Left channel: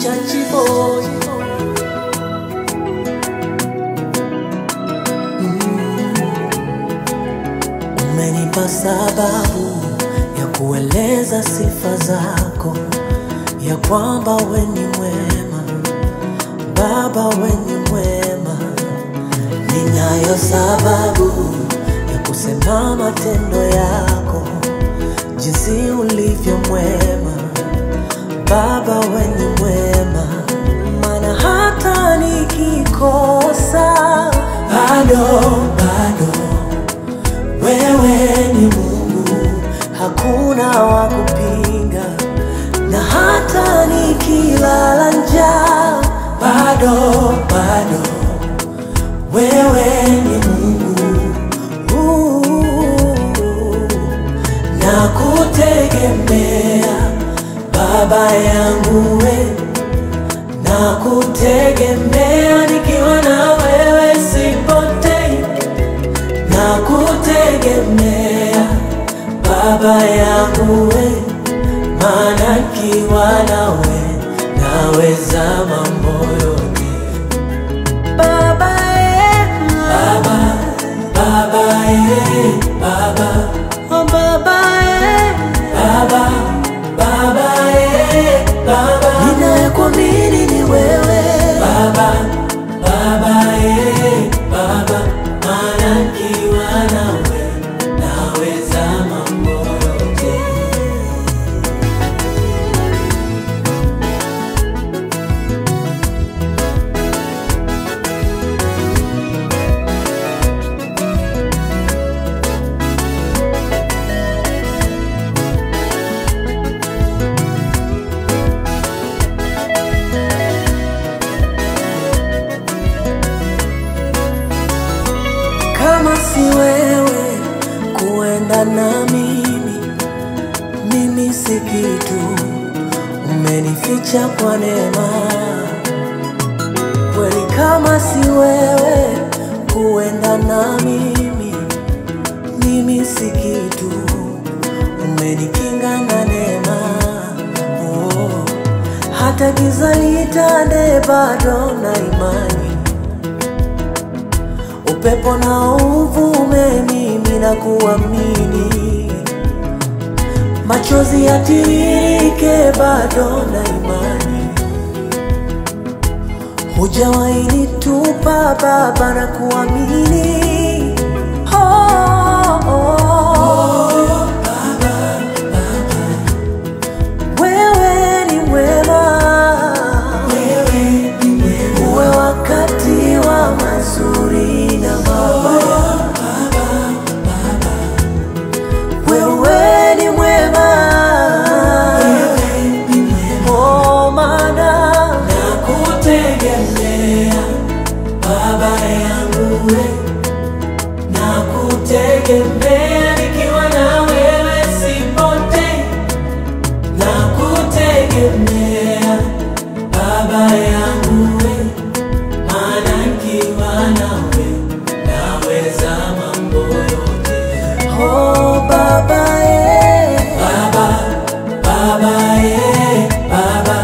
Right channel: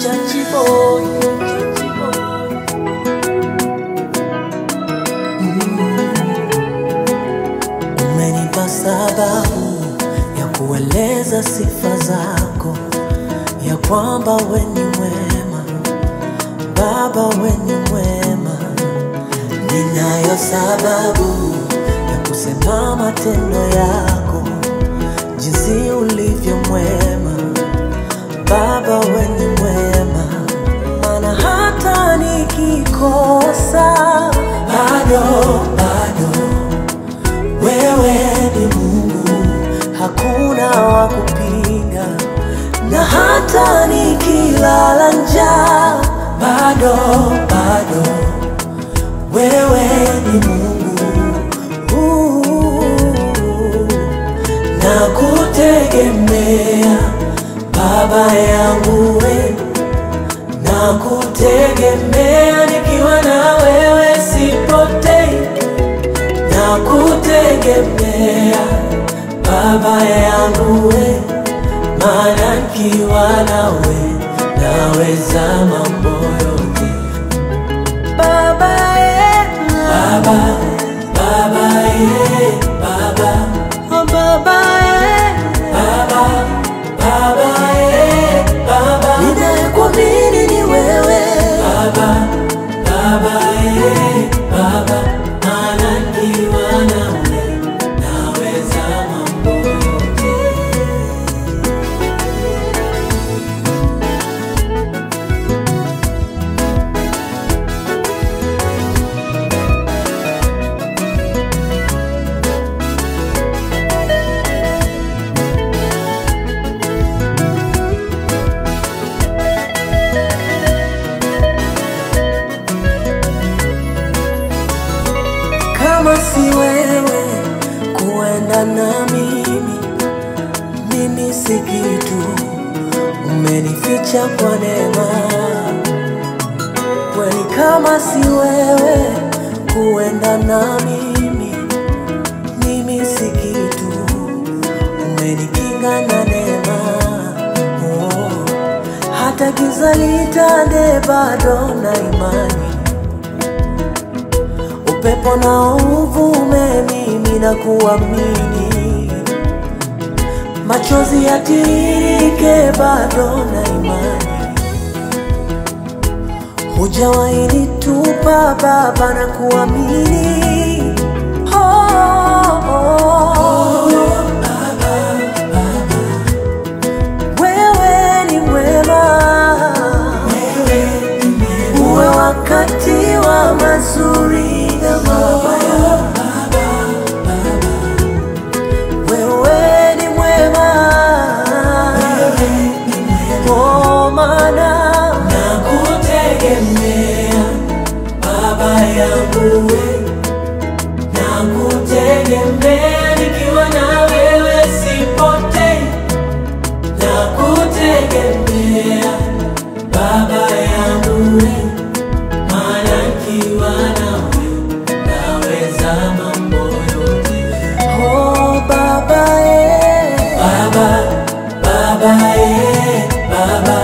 Chachi boy. Umenipa sababu ya kueleza sifa zako, ya kwamba we ni mwema, Baba we ni mwema. Ninayo sababu ya kusema matendo yako, jinsi ulivyo mwema, Baba we ni mwema. Maana hata nikikosa bado wewe ni Mungu, hakuna wa kupinga. Na hata nikilala njaa bado wewe ni Mungu. Na kutegemea Baba yangu we, na kutegemea nikiwa na wewe sipotei. Na kutegemea Baba yangu we, maana nikiwa nawe naweza mambo yote. Baba Baba oh Baba ninayekuamini ni wewe. Baba maana nikiwa nawe naweza mambo yote. Kama si wewe kuenda na mimi si kitu. Umenificha kwa neema kweli. Kama si wewe kuenda na mimi si kitu. Umenikinga na neema. Hata giza litande bado na imani. Upepo na uvume mimi na kuamini. Machozi yatiririke bado na imani. Hujawahi nitupa Baba na kuamini. Wewe ni mwema. Uwe wakati wa mazuri na mabaya. Wewe ni mwema. Oh maana nakutegemea Baba yangu we, nakutegemea nikiwa na wewe sipotei. Nakutegemea Baba yangu we, maana nikiwa nawe naweza mambo yote. Oh Baba Baba